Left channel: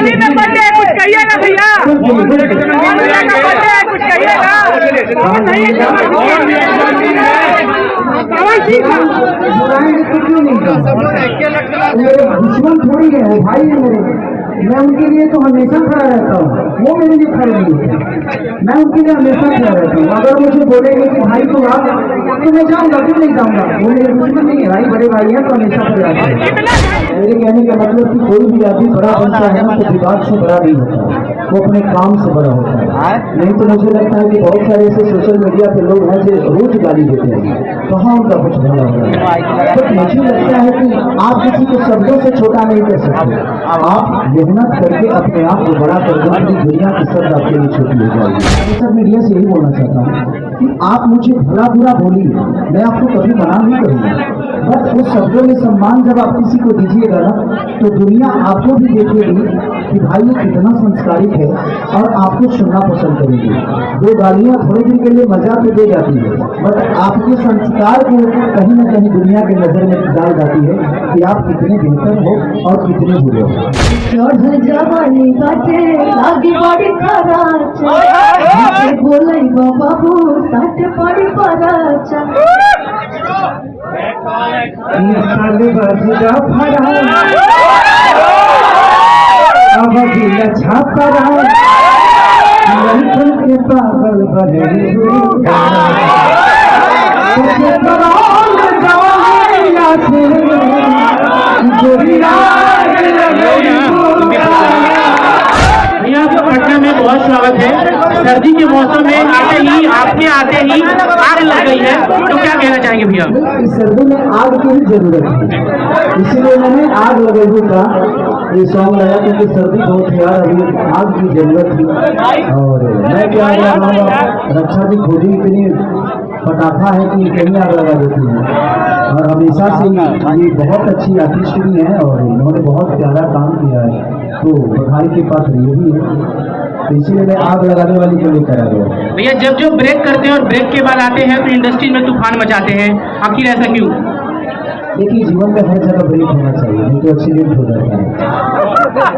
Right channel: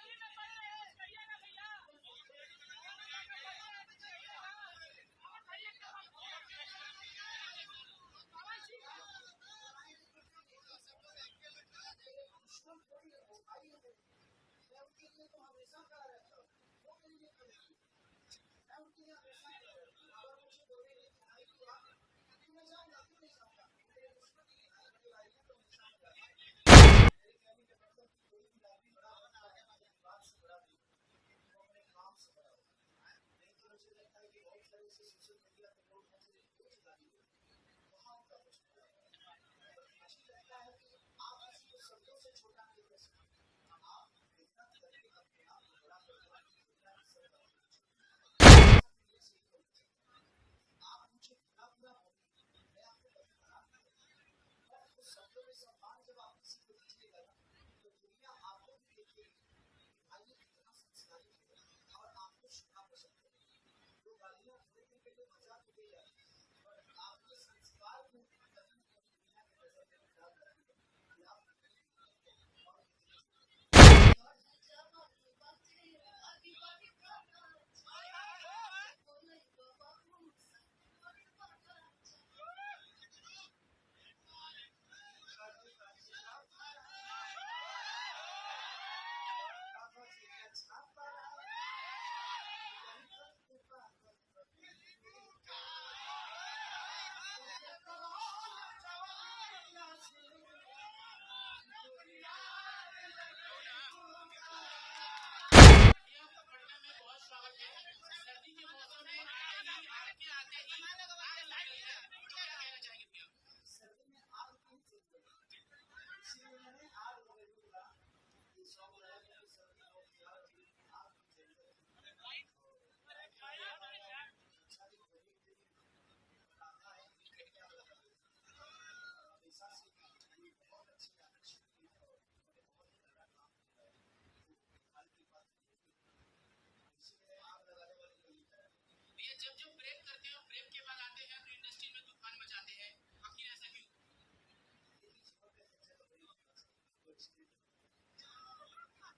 दिवाली में बर्थडे है, कुछ कहिएगा भैया। भैया का बर्थडे है, कुछ कहिएगा। दुश्मन थोड़ी है, वो भाई है मेरे। मैं उनके लिए तो हमेशा खड़ा रहता हूँ, वो मेरे लिए खड़े नहीं है। मैं उनके लिए हमेशा खड़ा रहता हूँ। अगर मुझे बोलेंगे कि भाई तो आप, तो मैं जाऊँगा, क्यों नहीं जाऊँगा। वो मेरे दुश्मन नहीं है, भाई बड़े भाई हैं तो हमेशा खड़े रहते हैं। मेरे कहने का मतलब कि कोई भी आदमी बड़ा बनता है ना तो विवाद से बड़ा नहीं होता, वो अपने काम से बड़ा होता है। नहीं तो मुझे लगता है कि बहुत सारे ऐसे सोशल मीडिया पे लोग हैं जो रोज गाली देते हैं, कहाँ उनका कुछ भला होता है। तो मुझे लगता है कि आप किसी को शब्दों से छोटा नहीं कर सकते, आप मेहनत करके अपने आप को बड़ा कर दो, अपनी दुनिया की शब्द आपके लिए छोटी हो जाएगी। सोशल मीडिया से यही बोलना चाहता हूँ कि आप मुझे भला बुरा बोलिए, मैं आपको कभी मना नहीं करूँगा, बस उस शब्दों में सम्मान जब आप किसी को दीजिएगा ना तो दुनिया आपको भी देखेगी कि भाई ये कितना संस्कारित है और आपको सुनना पसंद करेगी। दो गालियाँ थोड़े दिन के लिए मजा तो दे जाती है, बट आपके संस्कार को कहीं ना कहीं दुनिया के नजर में डाल जाती है कि आप कितने बेहतर हो और कितने बुरे हो। जवानी बाटे लागी बड़ी खराचा बोलाई बाबू साथ बड़ी पराचा बजरा फरा अब गिला छापरा लड़कन के पागल बने भैया आपका पटना में बहुत स्वागत है। सर्दी के मौसम में आते ही आग लग गई है, तो क्या कहना चाहेंगे भैया? इस सर्दी में आग की भी जरूरत है, इसीलिए मैंने आग लगाई हुई था, ये सॉन्ग लगा क्योंकि सर्दी बहुत है यार, अभी आग की जरूरत थी। और मैं क्या रक्षा की खोजी इतनी पटाखा है कि कहीं आग लगा देती है, और हमेशा से ये बहुत अच्छी आर्टिस्ट भी है और इन्होंने बहुत प्यारा काम किया है, तो बधाई के पात्र ये भी है, तो इसीलिए मैं आग लगाने वाली को लेकर आ गया। भैया जब ब्रेक करते हैं और ब्रेक के बाद आते हैं तो इंडस्ट्री में तूफान मचाते हैं, आखिर ऐसा क्यों? देखिए जीवन में हर जगह ब्रेक होना चाहिए, नहीं तो एक्सीडेंट हो जाता है।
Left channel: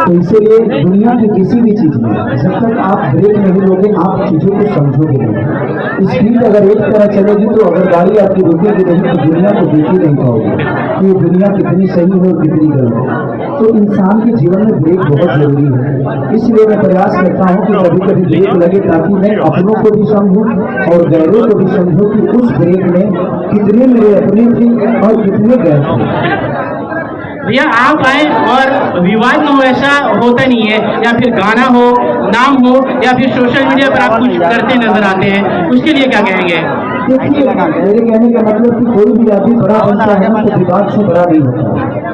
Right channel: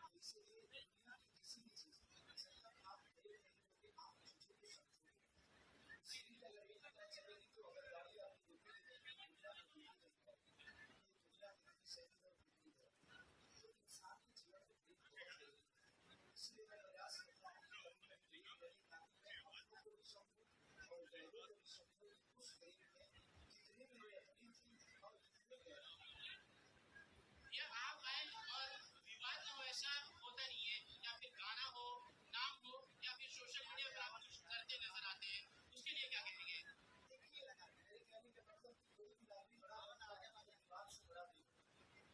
तो इसीलिए दुनिया की किसी भी चीज में जब तक आप ब्रेक नहीं लोगे आप चीजों को समझोगे नहीं। स्पीड अगर एक तरह चलेगी तो अगर गाड़ी आपकी रुकेगी नहीं तो दुनिया को देख ही नहीं पाओगे कि ये दुनिया कितनी सही है और कितनी गलत है। तो इंसान के जीवन में ब्रेक बहुत जरूरी है, इसलिए मैं प्रयास करता हूँ कि कभी कभी ब्रेक लगे ताकि मैं अपनों को भी समझूं और गैरों को भी समझूं कि उस ब्रेक में कितने मेरे अपने थे और कितने गैर थे। भैया आप आए और विवाद में ऐसा होता नहीं है, या फिर गाना हो, नाम हो, या फिर सोशल मीडिया पर आप कुछ करते नजर आते हैं, उसके लिए क्या कहेंगे? देखिए मेरे कहने का मतलब कि कोई भी आदमी बड़ा बनता है ना तो विवाद से बड़ा नहीं होता,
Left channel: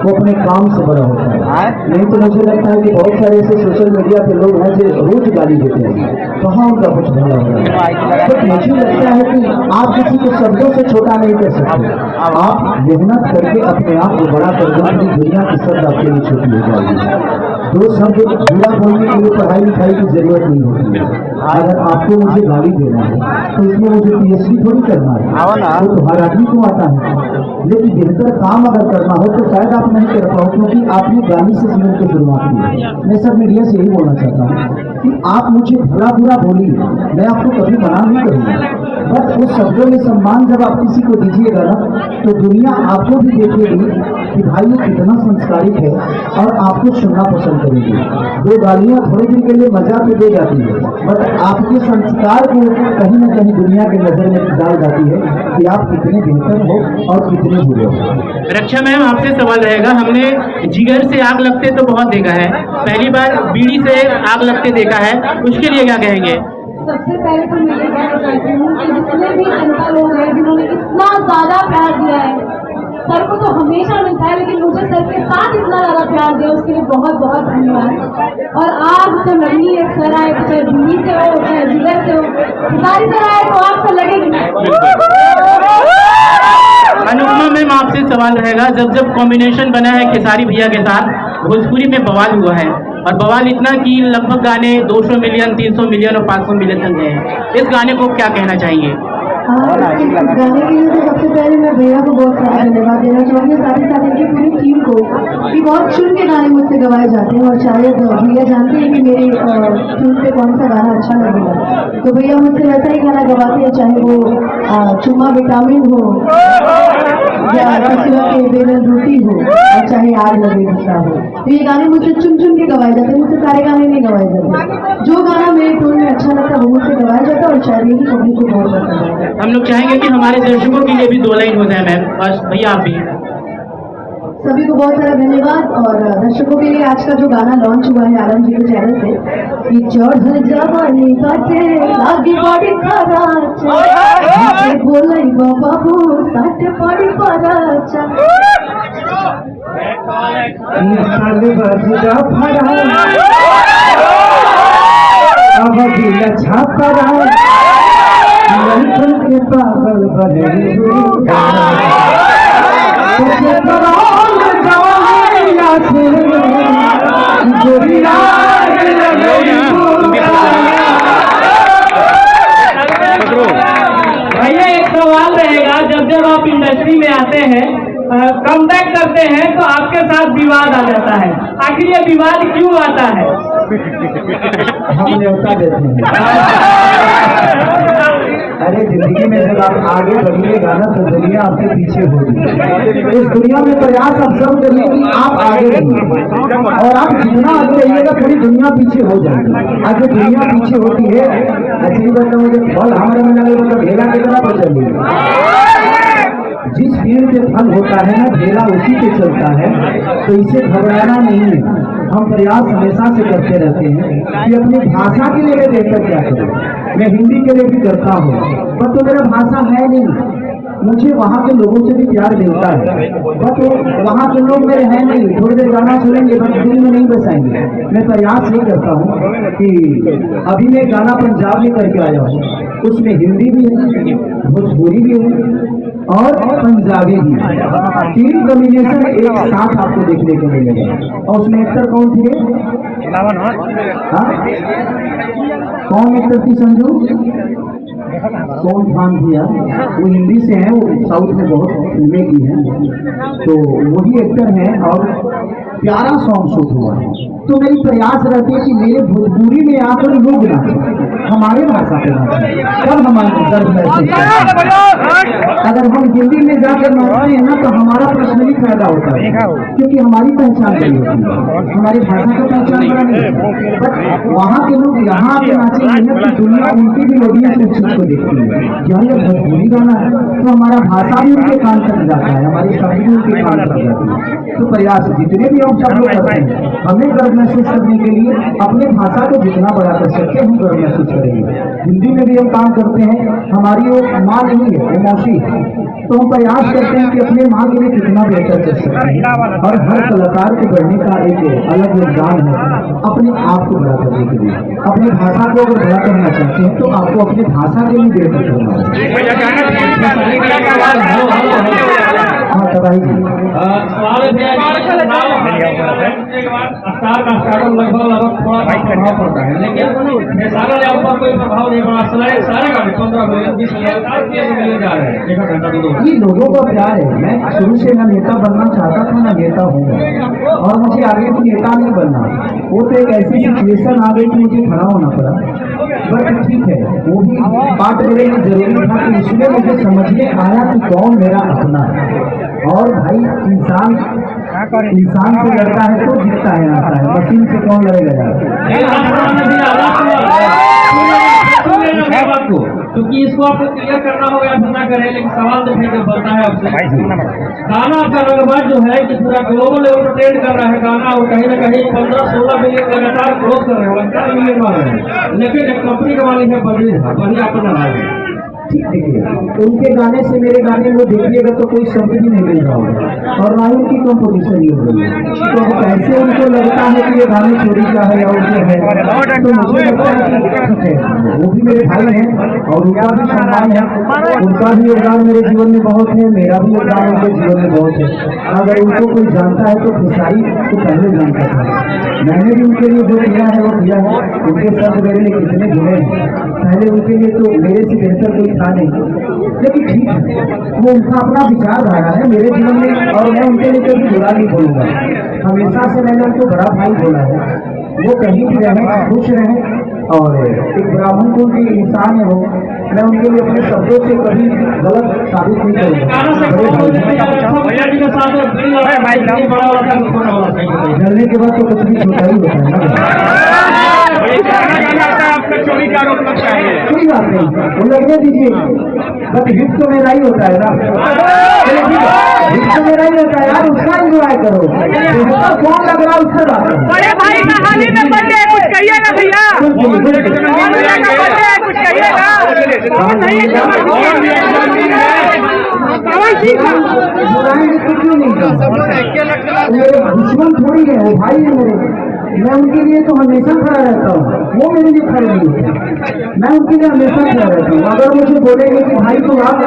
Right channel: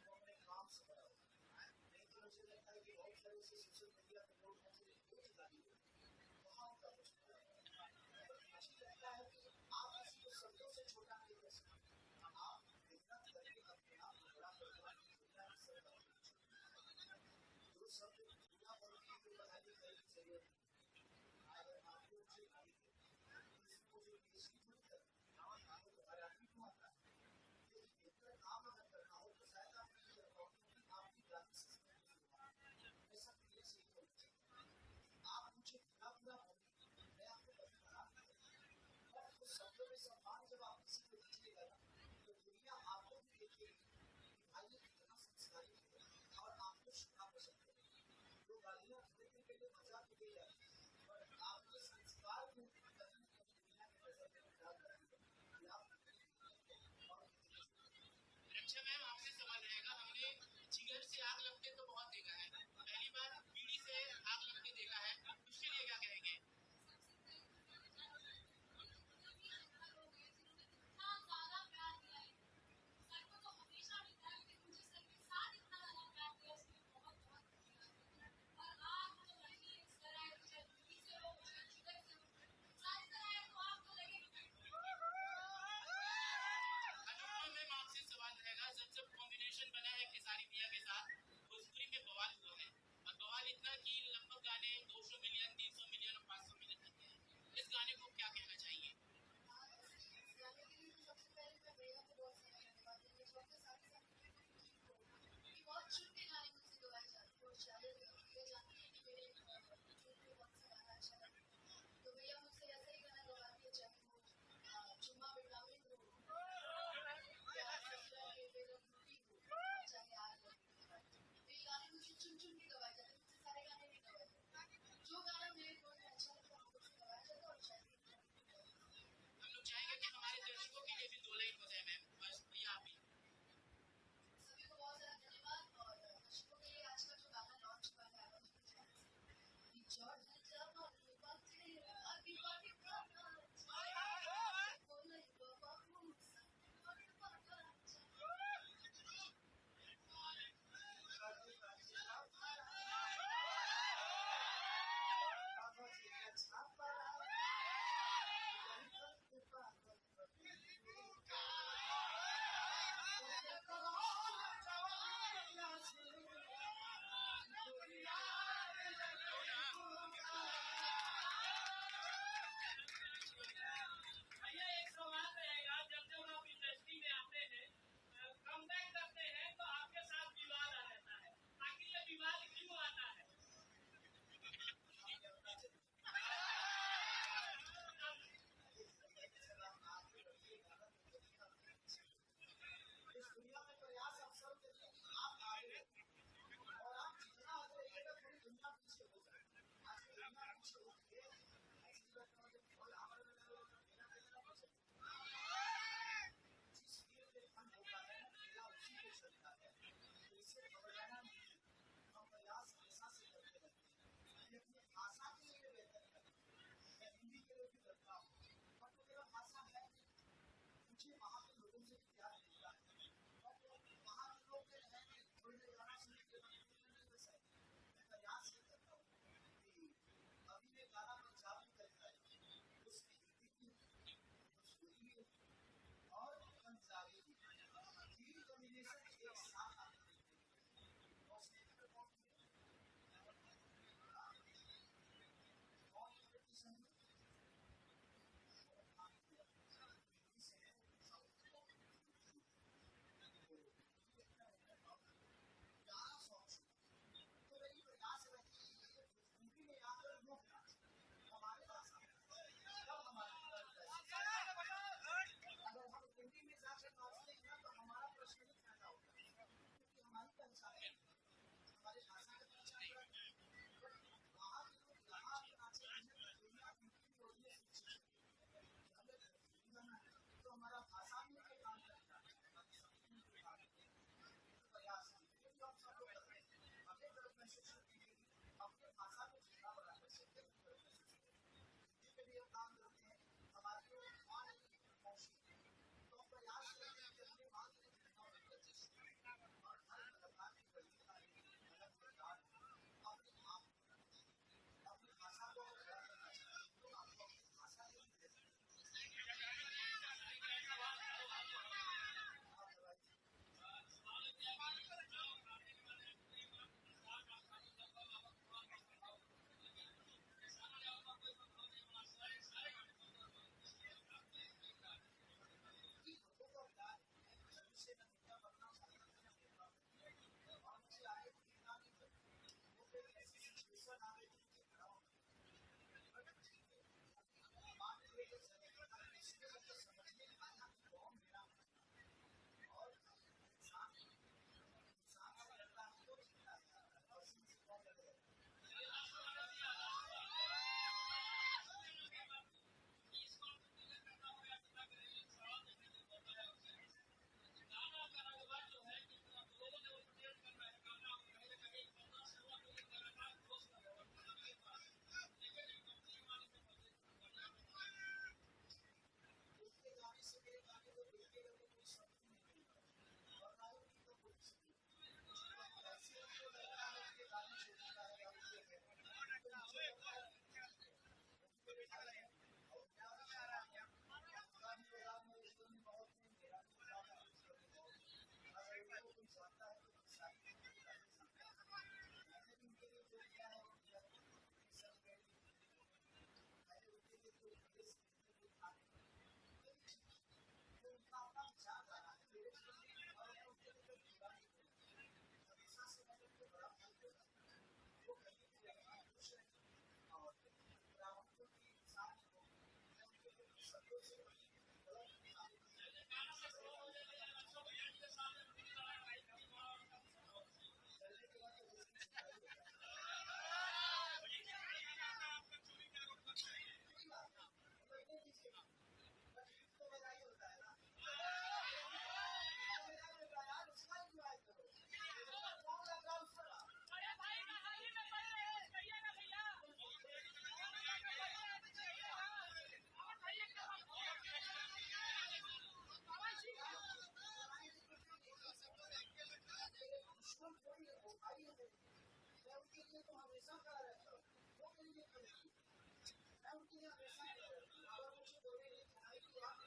वो अपने काम से बड़ा होता है। नहीं तो मुझे लगता है कि बहुत सारे ऐसे सोशल मीडिया पे लोग हैं जो रोज गाली देते हैं, कहाँ उनका कुछ भला होता है। तो मुझे लगता है कि आप किसी को शब्दों से छोटा नहीं कर सकते, आप मेहनत करके अपने आप को बड़ा कर दो, अपनी दुनिया की शब्द आपके लिए छोटी हो जाएगी। दो शब्द बुरा बोलने के लिए पढ़ाई लिखाई की जरूरत नहीं होती है। अगर आपको मुझे गाली देना है तो इसमें मुझे PhD थोड़ी करना है, तो हर आदमी को आता है, लेकिन बेहतर काम अगर करना हो तो शायद आप नहीं कर पाओ क्योंकि आपने गाली से जीवन की शुरुआत की है। मैं सब मीडिया से यही बोलना चाहता हूँ कि आप मुझे भला बुरा बोलिए, मैं आपको कभी मना नहीं करूँगा, बस उस शब्दों में सम्मान जब आप किसी को दीजिएगा ना तो दुनिया आपको भी देखेगी कि भाई ये कितना संस्कारित है और आपको सुनना पसंद करेगी। दो गालियाँ थोड़े दिन के लिए मजा तो दे जाती है, बट आपके संस्कार को कहीं ना कहीं दुनिया के नजर में डाल जाती है कि आप कितने बेहतर हो और कितने बुरे हो। रक्षा मैम आपसे सवाल रहेगा, हमने जिगर से आग लगते तो बहुत देखा है, पहली बार बीड़ी से आग लगते देखा है, उसके लिए क्या कहेंगे? सबसे पहले तो मैं ये कहना चाहती हूँ कि जितने भी जनता लोग हैं जिन्होंने इतना ज्यादा प्यार दिया है, सर को तो हमेशा मिलता है लेकिन मुझे सर के साथ इतना ज्यादा प्यार दिया उसके लिए बहुत बहुत धन्यवाद। और आग तो लगनी है, सर आए तो चाहे बीड़ी से हो चाहे जिगर से हो, सारी सर आए तो आग तो लगेगी। अनुपमा मैम आपसे सवाल रहेगा, जब कॉम्बिनेशन बना है खेसारी भैया के साथ, भोजपुरी में बवाल हुआ है, और बवाल इतना कि लगभग गाने 200 मिलियन, 300 मिलियन और 500 मिलियन तक गए हैं, इस गाने को क्या कहना चाहेंगे? इस गाने के लिए तो सबसे पहले मैं भैया को बहुत सारा धन्यवाद देना चाहूँगी, साथ ही साथ इनकी पूरी टीम को कि बहुत चुन के गाने मुझसे गवाए जाते हैं और शायद भैया जानते हैं कि मेरी ट्यून पे कौन सा गाना अच्छा लगेगा, तो भैया मुझसे वैसा ही गाना गवाते हैं, चाहे वो चुम्मा विटामिन हो या कसुआ के बेलन रोटी हो और चाहे आग लगे गुस्सा हो। तो ये गाने मुझसे चुन चुन के गवाए जाते हैं, मुझसे सारे गाने नहीं गवाए जाते। जो गाना मेरे टोन में अच्छा लगता है वो मुझसे गवाया जाता है और शायद यही पब्लिक को बहुत पसंद है। हम लोग चाहेंगे कि हमारे दर्शकों के लिए भी 2 लाइन हो जाए मैम, बस भैया आप भी। सभी को बहुत सारा धन्यवाद और दर्शकों के लिए आज का जो गाना लॉन्च हुआ है आलम जी के चैनल से कि चढ़ जवानी बाटे लागी बड़ी खराच बोले बाबू सट पड़ी पराच पागल बने भैया एक सवाल रहेगा, जब आप इंडस्ट्री में आते हैं कमबैक करते हैं तो आपके साथ विवाद आ जाता है, आखिर ये विवाद क्यों आता है? हम न्योता देते हैं। अरे जिंदगी में जब आप आगे बढ़िएगा ना तो दुनिया आपके पीछे होगी। इस दुनिया में प्रयास आप सब करिए कि आप आगे रहिए और आप जितना आगे रहिएगा पूरी दुनिया पीछे हो जाएगी। आज जो दुनिया पीछे होती है ऐसी बात मुझे फल हमारे में लगे मतलब ढेला कितना पर चलिए। जिस पेड़ पे फल होता है ना ढेला उसी पे चलता है, तो इसे घबराना नहीं है। हम प्रयास हमेशा से करते रहते हैं कि अपनी भाषा के लिए मैं बेहतर क्या करूँ। मैं हिंदी के लिए भी करता हूँ पर तो मेरा भाषा है नहीं, मुझे वहाँ के लोगों से भी प्यार मिलता है बट वहाँ के लोग मेरे हैं नहीं, थोड़ी देर गाना सुनेंगे बट दिल में नहीं बसाएंगे। मैं प्रयास ये करता हूँ कि अभी मैं गाना पंजाब में करके आया हूँ, उसमें हिंदी भी है, भोजपुरी भी है और पंजाबी भी। 3 कॉम्बिनेशन एक साथ आपको देखने को मिलेगा। और उसमें एक्टर कौन थे? कौन एक्टर थी संजू? कौन खान थी यार? वो हिंदी से है, वो साउथ में बहुत फिल्में की हैं, तो वही एक्टर हैं और प्यारा सॉन्ग शूट हुआ है। तो मेरी प्रयास रहती है कि मेरे भोजपुरी में आकर लोग नाचें, हमारे भाषा पे नाचें, तब हमारे दर्द महसूस करते। अगर हम हिंदी में जाकर नाचते हैं ना तो हमारा पर्सनली फायदा होता है क्योंकि हमारी पहचान नहीं होती है, हमारी भाषा का पहचान बड़ा नहीं है। बट वहाँ के लोग यहाँ आके नाचेंगे ना तो दुनिया उनकी भी ऑडियंस इस चीज को देखती है, यार ये भोजपुरी गाना है तो हमारा भाषा भी उनके कान तक जाता है, हमारी शब्द भी उनके कान तक जाती है। तो प्रयास जितने भी हम सब लोग करते हैं हमें गर्व महसूस करने के लिए अपने भाषा को जितना बड़ा कर सकते हैं हम गर्व महसूस करेंगे। हिंदी में भी हम काम करते हैं, हमारी वो माँ नहीं है, वो मौसी है, तो हम प्रयास करते हैं कि अपने माँ के लिए कितना बेहतर कर सकते हैं। और हर कलाकार को बढ़ने का एक अलग योगदान है अपने आप को बड़ा करने के लिए। अपनी भाषा को अगर बड़ा करना चाहते हैं तो आपको अपनी भाषा के लिए बेहतर करना है। हाँ तबाही स्टार का स्टार्टअप लगभग थोड़ा प्रभाव पड़ता है, लेकिन सारा लेवल पर कोई प्रभाव नहीं पड़ा। सारे का 15 मिलियन 20 मिलियन जा रहे हैं 1 घंटा 2 ये लोगों का प्यार है। मैं शुरू से ना नेता बनना चाहता था ना नेता हूँ और मुझे आगे भी नेता नहीं बनना। वो तो एक ऐसी सिचुएशन आ गई कि मुझे खड़ा होना पड़ा, बट ठीक है वो भी बात मेरे लिए जरूरी था कि इसलिए मुझे समझ में आया कि कौन मेरा अपना है। और भाई इंसान से लड़ता है तो जीतता है, आता है, मशीन से कौन लड़ेगा यार। क्योंकि इसको आपको क्लियर करना होगा, आप ना करें लेकिन सवाल तो फिर बनता है आपसे। गाना आपका रंगबाज जो है कि पूरा ग्लोबल लेवल पर ट्रेंड कर रहा है गाना, और कहीं ना कहीं 15-16 मिलियन लगातार क्रॉस कर रहे हैं, 15 मिलियन वाले हैं, लेकिन एक कंपनी का मालिक है बड़ी आपको ना है। ठीक देखिए उनके गाने से मेरे गाने में देखिएगा तो कोई शब्द भी नहीं मिल रहा होगा और ना ही उनकी कंपटीशन ही हो रही है। तो अब कैसे उनको लगता है कि ये गाने चोरी का है या उनके है, तो मुझे लगता है कि ठीक है वो भी मेरे भाई हैं और उनका भी सम्मान है, उनका भी योगदान मेरे जीवन में बहुत है, मेरा भी योगदान उनके जीवन में बहुत है। अगर उनको कोई जानता है तो खेसारी को पहले जानता था, मैंने भी उनके लिए जो किया है वो किया है। उनके शब्द मेरे लिए कितने जुड़े हैं, पहले उनके लिए तो मेरे से बेहतर कोई था नहीं, लेकिन ठीक है, वो उनका अपना विचारधारा है। मेरे जीवन में और मैं उनके लिए कभी बुरा नहीं बोलूंगा। हमेशा से मैंने उनको बड़ा भाई बोला है। वो कहीं भी रहे, खुश रहे, और एक ब्राह्मण कुल की इंसान है वो। मैं उनके लिए अपने शब्दों से कभी गलत साबित नहीं करूँगा। बड़े भाई जलने के बाद तो कुछ भी छोटा ही होता है ना। कोई बात नहीं, वो लगने दीजिए, बट हिट तो मेरा ही होता है ना। हिट तो मेरा ही होता है यार, उसका एंजॉय करो। कौन लग रहा है उससे बात करो। बड़े भाई का हाल ही में बर्थडे है, कुछ कहिएगा भैया। कुछ कहिएगा। बुराएंगे तो क्यों नहीं करना? मेरे दुश्मन थोड़ी है, वो भाई है मेरे। मैं उनके लिए तो हमेशा खड़ा रहता हूँ, वो मेरे लिए खड़े नहीं होते। मैं उनके लिए हमेशा खड़ा रहता हूँ। अगर मुझे बोलेंगे कि भाई तो आप,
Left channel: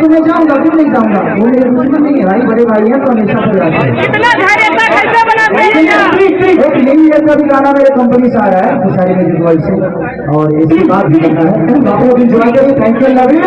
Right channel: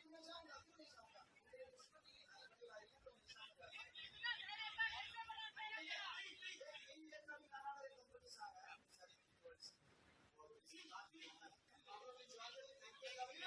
तो मैं जाऊँगा, क्यों नहीं जाऊँगा? वो मेरे दुश्मन नहीं है, भाई बड़े भाई हैं तो हमेशा खड़े रहते हैं। यही है, कभी गाना मेरे कंपनी से आ रहा है सारी म्यूजिक वर्ल्ड से, और इसके बाद भी करना है। आप लोग एंजॉय करिए। Thank you, love you.